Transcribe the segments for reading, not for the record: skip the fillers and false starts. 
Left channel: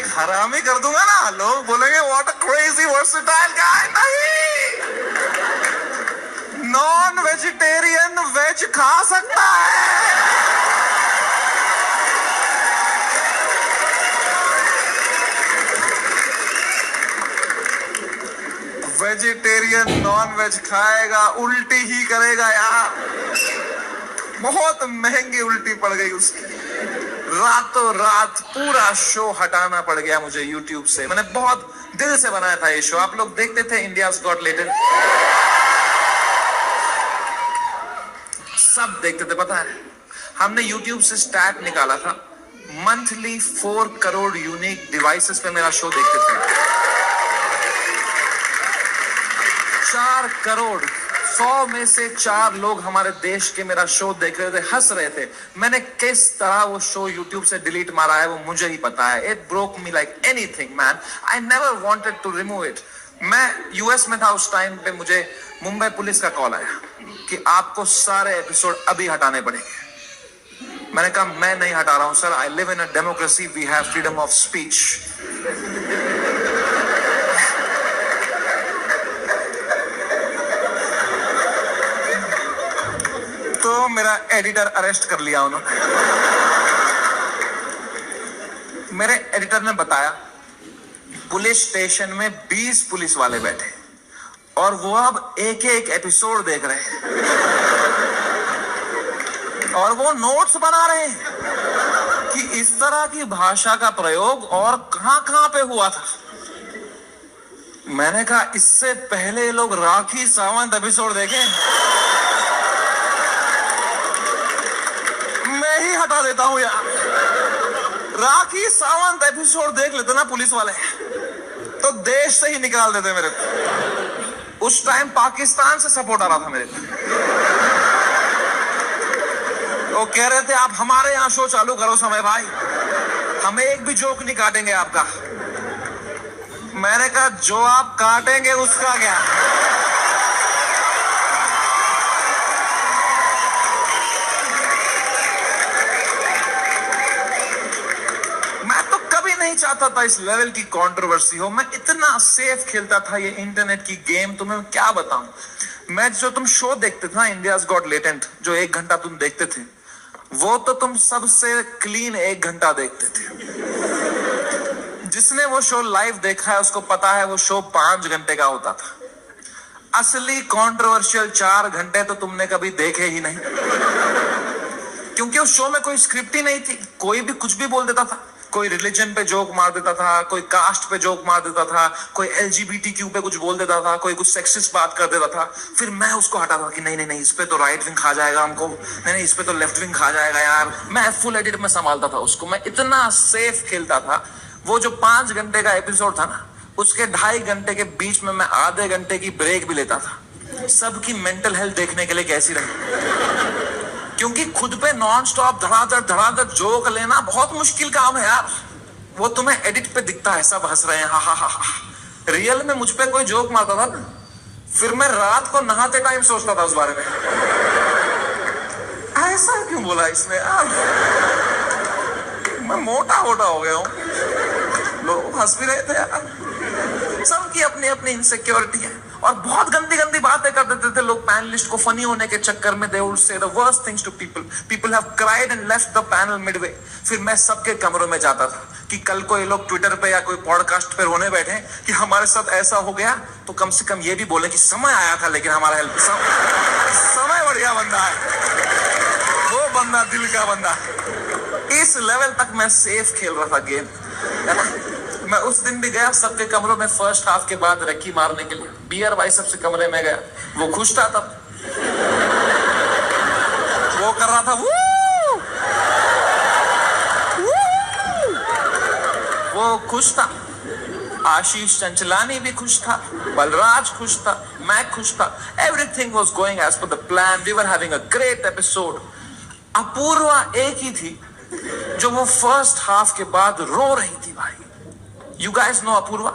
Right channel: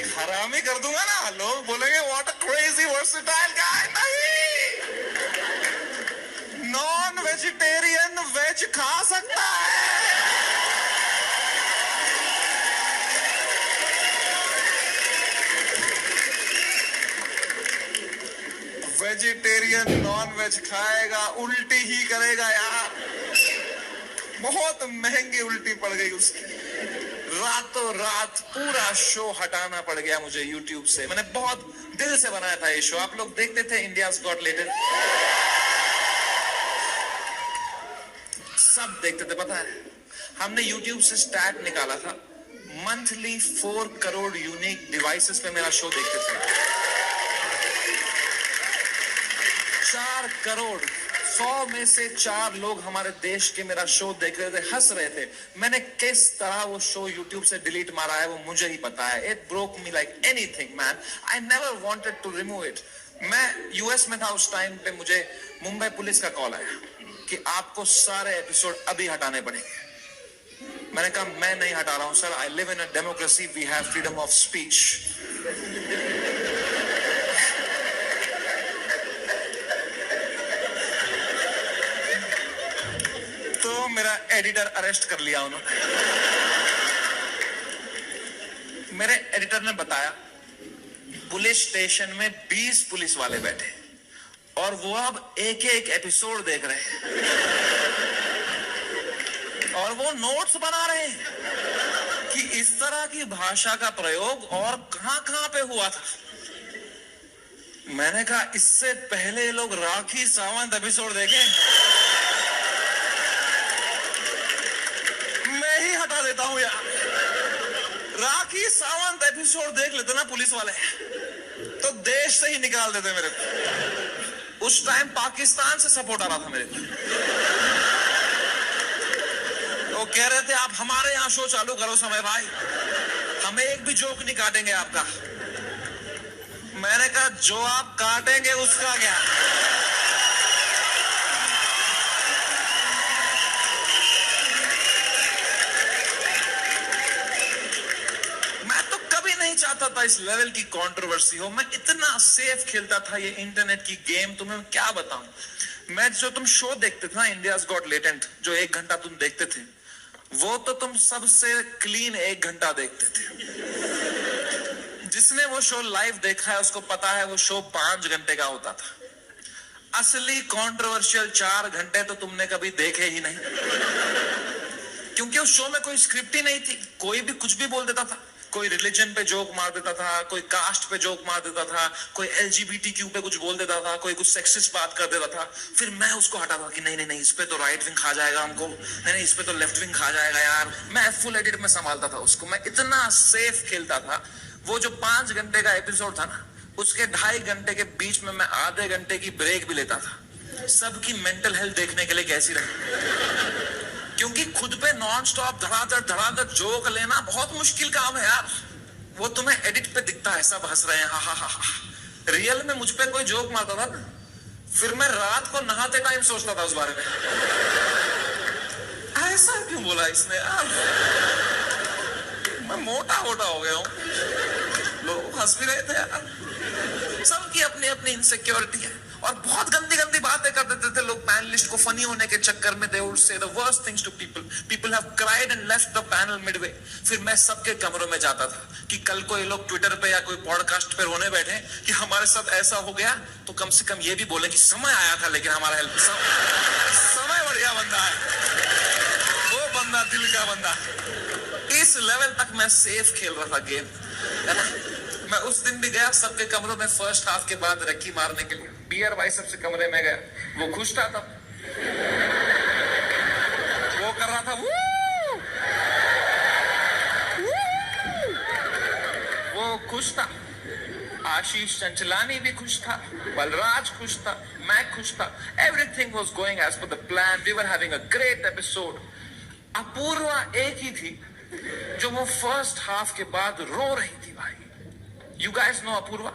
एक हरामी कर दूंगा ना, लोग बोलेंगे व्हाट अ क्रेजी वर्सेटाइल गाय। नहीं, नॉन वेजिटेरियन वेज खा सकता है। वेजिटेरियन नॉन वेज खाएगा, उल्टी ही करेगा यार। बहुत महंगी उल्टी पड़ गई उसकी, रातों रात पूरा शो हटाना पड़ गया मुझे यूट्यूब से। मैंने बहुत दिल से बनाया था ये शो, आप लोग देखते थे इंडियाज गॉट लेटेंट, सब देखते थे। पता है, हमने यूट्यूब से स्टैट निकाला था, मंथली 4 करोड़ यूनिक डिवाइसेस पे मेरा शो देखते थे। 4 करोड़, 100 में से 4 लोग हमारे देश के मेरा शो देख रहे थे, हंस रहे थे। मैंने किस तरह वो शो यूट्यूब से डिलीट मारा है वो मुझे ही पता है। It broke me like anything man, I never wanted to remove it. मैं यूएस में था उस टाइम पे, मुझे मुंबई पुलिस का कॉल आया कि आपको सारे एपिसोड अभी हटाने पड़ेंगे। मैंने कहा मैं नहीं हटा रहा हूं sir, I live in a democracy, we have freedom of speech. तो मेरा एडिटर अरेस्ट कर लिया उन्होंने। मेरे एडिटर ने बताया पुलिस स्टेशन में 20 पुलिस वाले बैठे और वो अब एक एक एपिसोड देख रहे हैं और वो नोट्स बना रहे हैं कि इस तरह की भाषा का प्रयोग और कहां पे हुआ था। मैंने कहा इससे पहले ये लोग राखी सावंत एपिसोड देखें, मैं ही हटा देता हूं यार। राखी सावंत एपिसोड देख लेते ना पुलिस वाले तो देश से ही निकाल देते मेरे को। उस टाइम पाकिस्तान से सपोर्ट आ रहा था मेरे को, वो कह रहे थे आप हमारे यहां शो चालू करो समय भाई, हमें एक भी जोक नहीं काटेंगे आपका। मैंने कहा जो आप काटेंगे उसका क्या। नहीं चाहता था इस लेवल की कंट्रोवर्सी हो। मैं इतना सेफ खेलता था ये इंटरनेट की गेम, तुम्हें क्या बताऊं। मैं जो तुम शो देखते थे ना इंडियाज गॉट लेटेंट, जो 1 घंटा तुम देखते थे, वो तो तुम सबसे क्लीन 1 घंटा देखते थे। जिसने वो शो लाइव देखा है उसको पता है वो शो 5 घंटे का होता था। असली कंट्रोवर्शियल 4 घंटे तो तुमने कभी देखे ही नहीं, क्योंकि उस शो में कोई स्क्रिप्ट ही नहीं थी। कोई भी कुछ भी बोल देता था, कोई रिलीजन पे जोक मार देता था, कोई कास्ट पे जोक मार देता था, कोई LGBTQ पे कुछ बोल देता था, कोई कुछ सेक्सिस्ट बात कर देता था। फिर मैं उसको हटाता था कि नहीं नहीं नहीं, इस पे तो राइट विंग खा जाएगा हमको, नहीं नहीं इस पे तो लेफ्ट विंग खा जाएगा यार। मैं फुल एडिट में संभालता था उसको, मैं इतना सेफ खेलता था। वो जो 5 घंटे का एपिसोड था ना, उसके 2.5 घंटे के बीच में मैं आधे घंटे की ब्रेक भी लेता था, सबकी मेंटल हेल्थ देखने के लिए कैसी रही। क्योंकि खुद पे नॉन स्टॉप धड़ाधड़ जोक लेना बहुत मुश्किल काम है यार। वो तुम्हें एडिट पे दिखता है सब हंस रहे हैं, हा हा हा हा। रियल में मुझ पे कोई जोक मारता था ना, फिर मैं रात को नहाते टाइम सोचता था उस बारे में, ऐसा क्यों बोला इसने यार, मैं मोटा हो गया हूं। लोग हंस भी रहे थे यार। सबकी अपनी अपनी इनसिक्योरिटी है और बहुत गंदी गंदी बातें कर देते थे लोग पैनलिस्ट को फनी होने के चक्कर में। They would say the worst things to people, people have cried and left the panel midway. फिर मैं सबके कमरों में जाता था कि कल को ये लोग ट्विटर पे या कोई पॉडकास्ट पे रोने बैठे कि हमारे साथ ऐसा हो गया, तो कम से कम ये भी बोले कि समय आया था लेकिन हमारा हेल्प, समय बढ़िया बंदा है वो बंदा, दिल का बंदा। इस लेवल तक मैं सेफ खेल रहा था गेम, है ना। मैं उस दिन भी गया सबके कमरों में फर्स्ट हाफ के बाद रक्की मारने के लिए, बियर बाइसेप्स के कमरे में गया। वो खुश था तब, वो कर रहा था वो खुश था। आशीष चंचलानी भी खुश था, बलराज खुश था, मैं खुश था। Everything was going as per the plan, we were having a great episode. Apoorva एक ही थी जो वो फर्स्ट हाफ के बाद रो रही थी भाई। You guys know Apurva?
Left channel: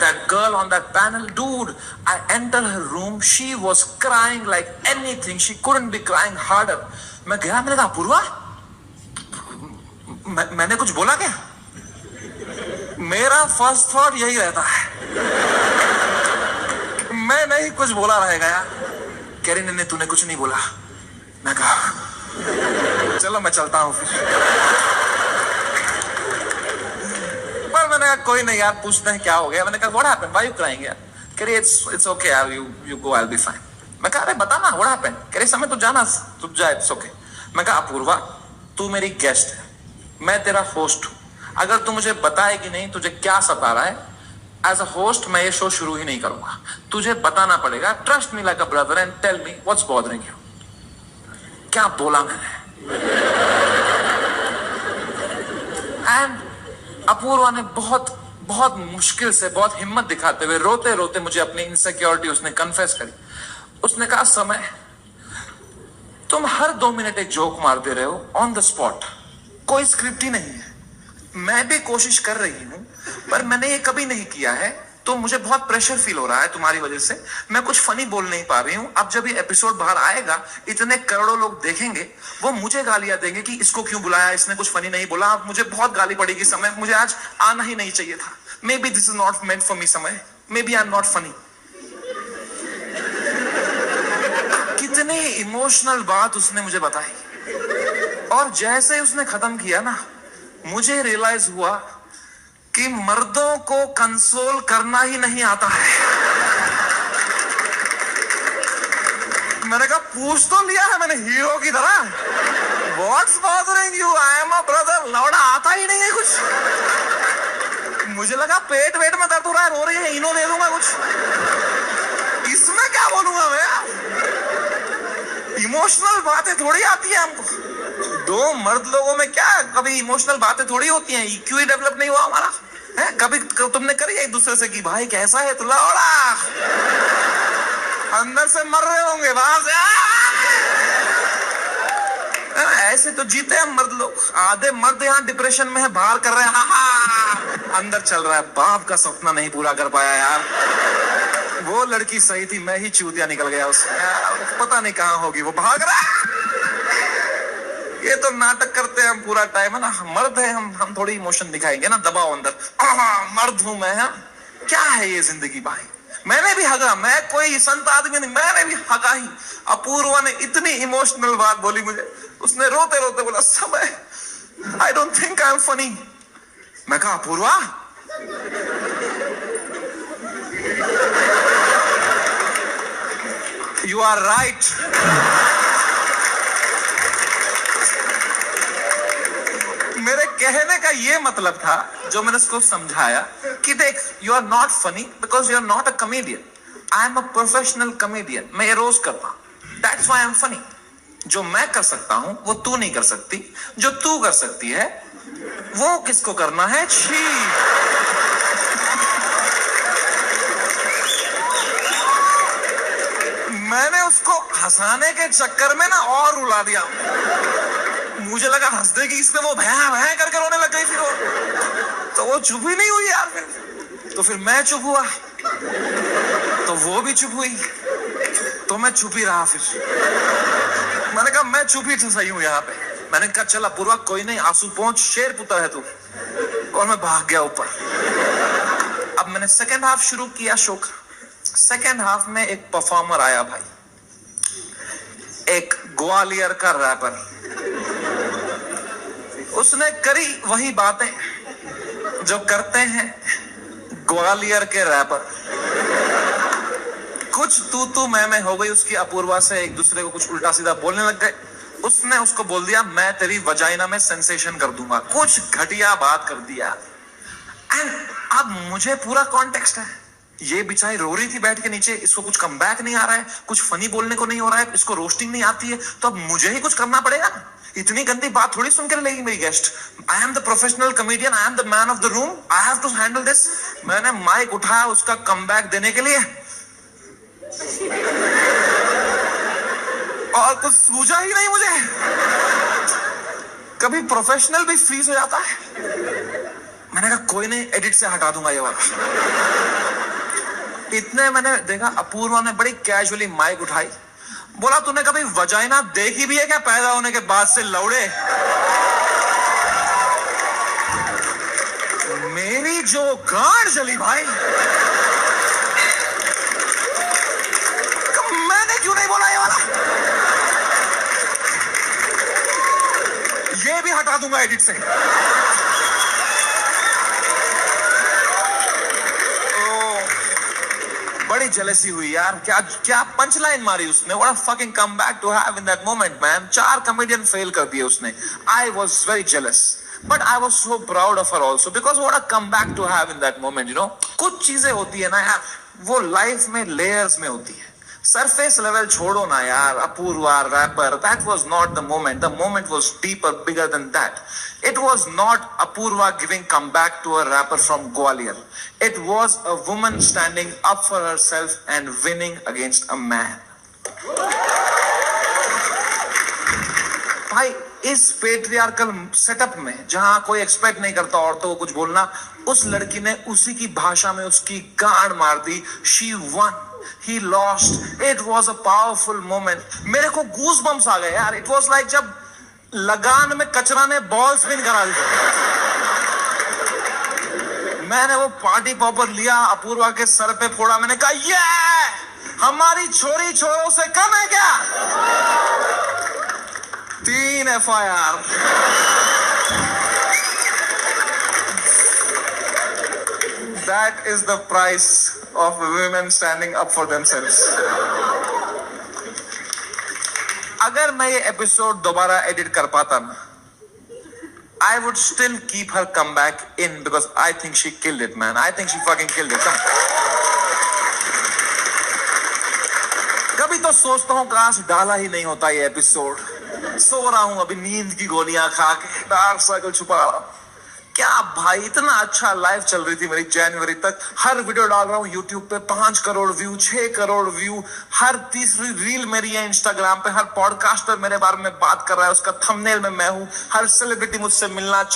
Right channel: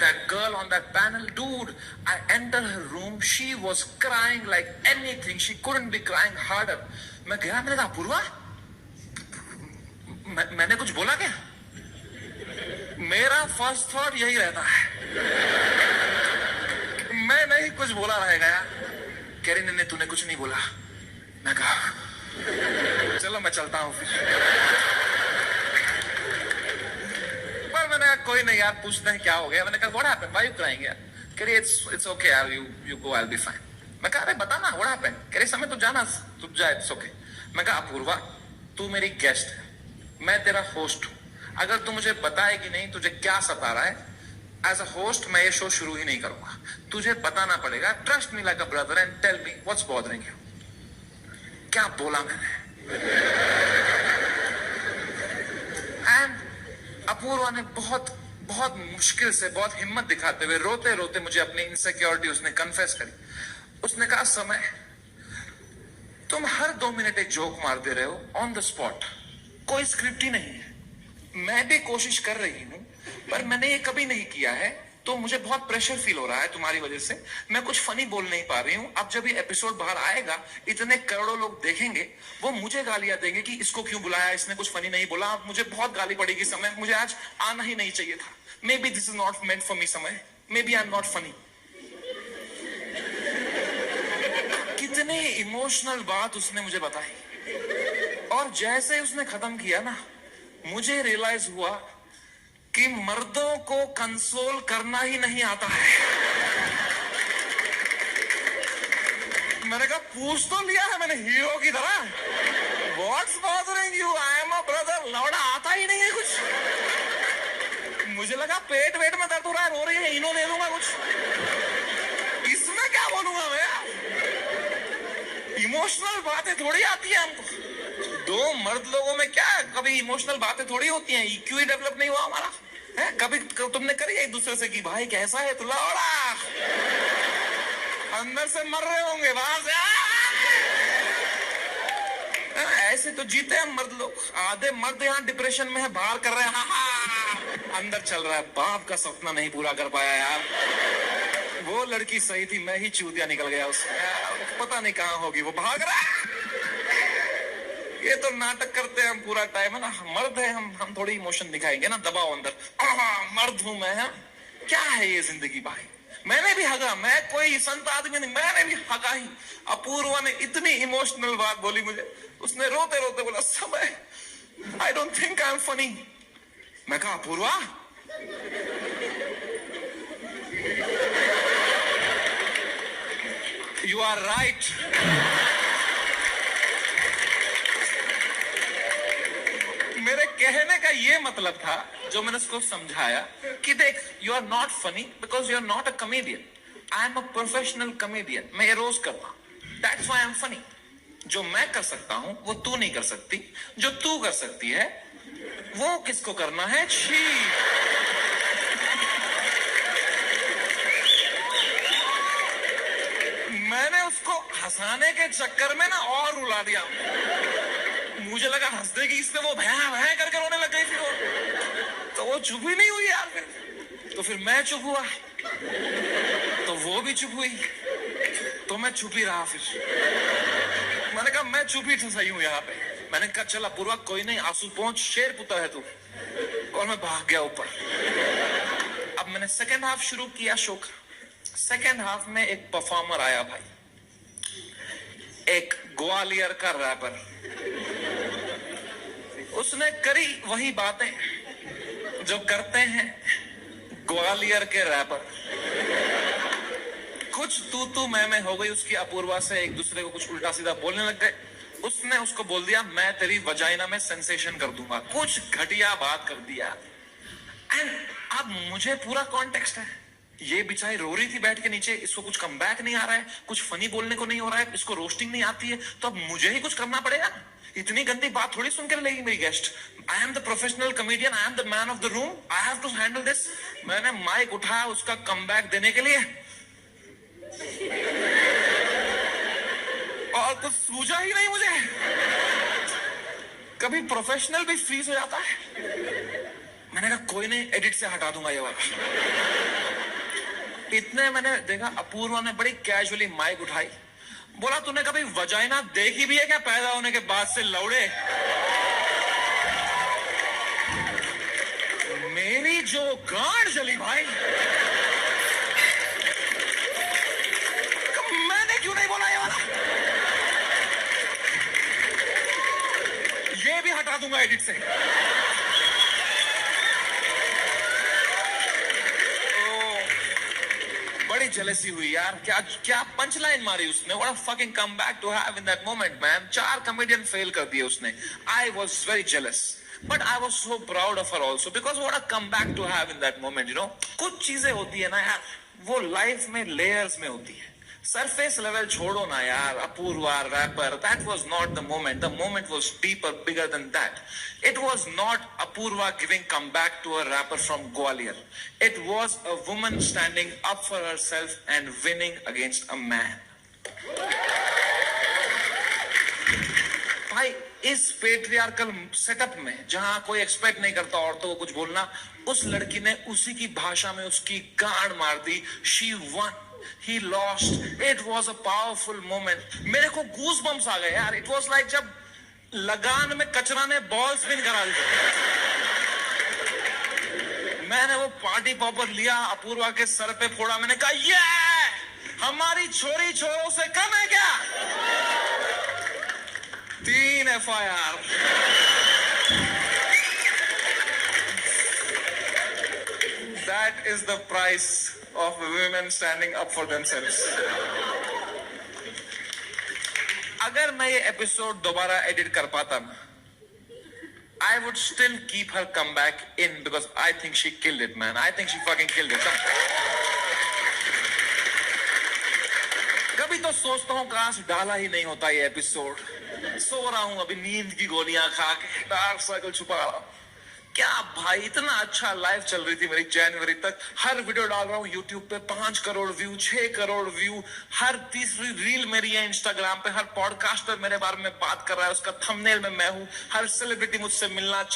That girl on that panel, dude, I entered her room, she was crying like anything, she couldn't be crying harder. मैं गया, मैंने कहा अपूर्वा मैंने कुछ बोला क्या? मेरा फर्स्ट थॉट यही रहता है, मैं नहीं कुछ बोला रहेगा यार। कह रही नहीं तूने कुछ नहीं बोला। मैं कहा चलो मैं चलता हूँ फिर। पर मैंने कहा कोई नहीं यार, पूछते हैं क्या हो गया। मैंने कहा what happened, why you crying यार। कह रही इट्स ओके यार, you go, I will be fine. मैं कहा अरे बता ना व्हाट हैपेंड। कह रही समय तो जाना, तू जा, इट्स ओके। मैं कहा अपूर्वा तू मेरी गेस्ट है, मैं तेरा होस्ट हूँ, अगर तू मुझे बताएगी नहीं तुझे क्या सता रहा है, एज अ होस्ट मैं ये शो शुरू ही नहीं करूंगा। तुझे बताना पड़ेगा, trust me like a brother and tell me what's bothering you. क्या बोला मैंने। एंड अपूर्वा ने बहुत बहुत मुश्किल से, बहुत हिम्मत दिखाते हुए, रोते रोते मुझे अपनी इनसिक्योरिटी उसने कन्फेस करी। उसने कहा समय तुम हर 2 मिनट एक जोक मारते रहे हो ऑन द स्पॉट, कोई स्क्रिप्ट ही नहीं है। मैं भी कोशिश कर रही हूं पर मैंने ये कभी नहीं किया है, तो मुझे बहुत प्रेशर फील हो रहा है तुम्हारी वजह से। मैं कुछ फनी बोल नहीं पा रही हूं। अब जब ये एपिसोड बाहर आएगा, इतने करोड़ों लोग देखेंगे, वो मुझे गालियां देंगे कि इसको क्यों बुलाया, इसने कुछ फनी नहीं बोला। मुझे बहुत गाली पड़ेगी समय, मुझे आज आना ही नहीं चाहिए था। Maybe this is not meant for me समय, maybe I am not funny. कितनी इमोशनल बात उसने मुझे बताई, और जैसे उसने खत्म किया ना, मुझे रियलाइज हुआ कि मर्दों को कंसोल करना ही नहीं आता है। मैंने कहा पूछ तो लिया है मैंने हीरो की तरह, what's bothering you, I am a brother. लौड़ा आता ही नहीं है कुछ। मुझे लगा पेट वेट में दर्द हो रहा है, रो रही है, इनो दे दूंगा कुछ, इसमें क्या बोलूंगा मैं। इमोशनल बातें थोड़ी आती है हमको। 2 मर्द लोगों में क्या कभी इमोशनल बातें थोड़ी होती हैं। EQ ही डेवलप नहीं हुआ हमारा है। कभी तुमने करी एक दूसरे से कि भाई कैसा है तू, लौड़ा अंदर से मर रहे होंगे बाहर से ऐसे तो जीते हैं मर्द लोग। आधे मर्द यहाँ डिप्रेशन में है, बाहर कर रहे हैं हा, अंदर चल रहा है बाप का सपना नहीं पूरा कर पाया यार, वो लड़की सही थी, मैं ही चूतिया निकल गया उसमें, पता नहीं कहाँ होगी, वो भाग रहा है। ये तो नाटक करते हैं हम पूरा टाइम है ना, मर्द है हम थोड़ी इमोशन दिखाएंगे ना, दबाओ अंदर, मर्द हूं मैं। हाँ क्या है ये जिंदगी भाई। मैंने भी हगा, मैं कोई संत आदमी नहीं, मैंने भी हगा ही। अपूर्वा ने इतनी इमोशनल बात बोली मुझे, उसने रोते रोते बोला समय I don't think I am funny. मैं कहा अपूर्वा यू आर राइट। मेरे कहने का ये मतलब था, जो मैंने उसको समझाया कि देख you are not funny because you are not a comedian, I am a professional comedian, मैं ये रोज करता हूं, that's why I am funny. जो मैं कर सकता हूं वो तू नहीं कर सकती, जो तू कर सकती है वो किसको करना है, छी। मैंने उसको हंसाने के चक्कर में ना और रुला दिया। मुझे लगा हंस देगी इसमें, वो भैं भैं करके रोने लग गई। फिर तो वो चुप ही नहीं हुई यार। तो फिर मैं चुप हुआ, तो वो भी चुप हुई, तो मैं चुप ही रहा। फिर मैंने कहा मैं चुप ही सही हूं यहाँ पे। मैंने कहा चल अपूर्वा कोई नहीं, आंसू पहुंच, शेर पुत्र है तू। और मैं भाग गया ऊपर। अब मैंने सेकेंड हाफ शुरू किया शो का। सेकेंड हाफ में एक परफॉर्मर आया भाई, एक ग्वालियर का रैपर। उसने करी वही बातें जो करते हैं ग्वालियर के रैपर। कुछ तू मैं हो गई उसकी अपूर्वा से, एक दूसरे को कुछ उल्टा सीधा बोलने लग गए। उसने उसको बोल दिया मैं तेरी वजाइना में सेंसेशन कर दूंगा, कुछ घटिया बात कर दिया। एंड अब मुझे पूरा कॉन्टेक्स्ट है, ये बेचारी रो रही थी बैठ के नीचे, इसको कुछ कमबैक नहीं आ रहा है, कुछ फनी बोलने को नहीं हो रहा है, इसको रोस्टिंग नहीं आती है, तो अब मुझे ही कुछ करना पड़ेगा। इतनी गंदी बात थोड़ी सुनकर लेगी मेरी guest. I am the professional comedian, I am the man of the room, I have to handle this. मैंने माइक उठाया उसका कमबैक देने के लिए, और कुछ सूझा ही नहीं मुझे। कभी प्रोफेशनल भी फ्रीज हो जाता है। मैंने कहा कोई नहीं, एडिट से हटा दूंगा ये वाला। इतने मैंने देखा अपूर्वा ने बड़ी कैजुअली माइक उठाई, बोला तूने कभी वजाइना देखी भी है क्या पैदा होने के बाद से लौड़े। मेरी जो गांड जली भाई, मैंने क्यों नहीं बोला ये वाला? ये भी हटा दूंगा एडिट से। बड़ी जेलसी हुई यार, क्या क्या पंच लाइन मारी उसने। What a fucking comeback to have in that moment man. 4 comedian fail कर दिए उसने। I was very jealous but I was so proud of her also because what a comeback to have in that moment. You know, कुछ चीजें होती है ना यार, वो लाइफ में लेयर्स में होती है। सरफेस लेवल छोड़ो ना यार, Apoorva rapper, that was not the moment. The moment was deeper, bigger than that. It was not Apurva giving comeback to a rapper from Gwalior. It was a woman standing up for herself and winning against a man. भाई, इस patriarchal setup में जहां कोई expect नहीं करता औरतों को कुछ बोलना, उस लड़की ने उसी की भाषा में उसकी गांड मार दी। She won. He lost. It was a powerful moment. मेरे को गूज बम्स आ गए यार। It was like जब लगान में कचरा ने बॉल स्पिन करा दी। मैंने वो पार्टी पॉपर लिया, अपूर्वा के सर पे फोड़ा। मैंने कहा ये हमारी छोरी छोरों से कम है क्या? 3 FIR। That is the price of women standing up for themselves. अगर मैं ये एपिसोड दोबारा एडिट कर पाता ना, I would still keep her comeback in because I think she killed it, man. I think she fucking killed it. कभी तो सोचता हूँ काश डाला ही नहीं होता ये एपिसोड। सो रहा हूँ अभी नींद की गोलियां खा के, डार्क सर्कल छुपा रहा हूँ। क्या भाई, इतना अच्छा लाइफ चल रही थी मेरी जनवरी तक। हर वीडियो डाल रहा हूँ यूट्यूब पे, 5 करोड़ व्यू, 6 करोड़ व्यू। हर तीसरी रील मेरी है इंस्टाग्राम पे। हर पॉडकास्टर मेरे बारे में बात कर रहा है, उसका थंबनेल में मैं हूँ। हर सेलिब्रिटी मुझसे मिलना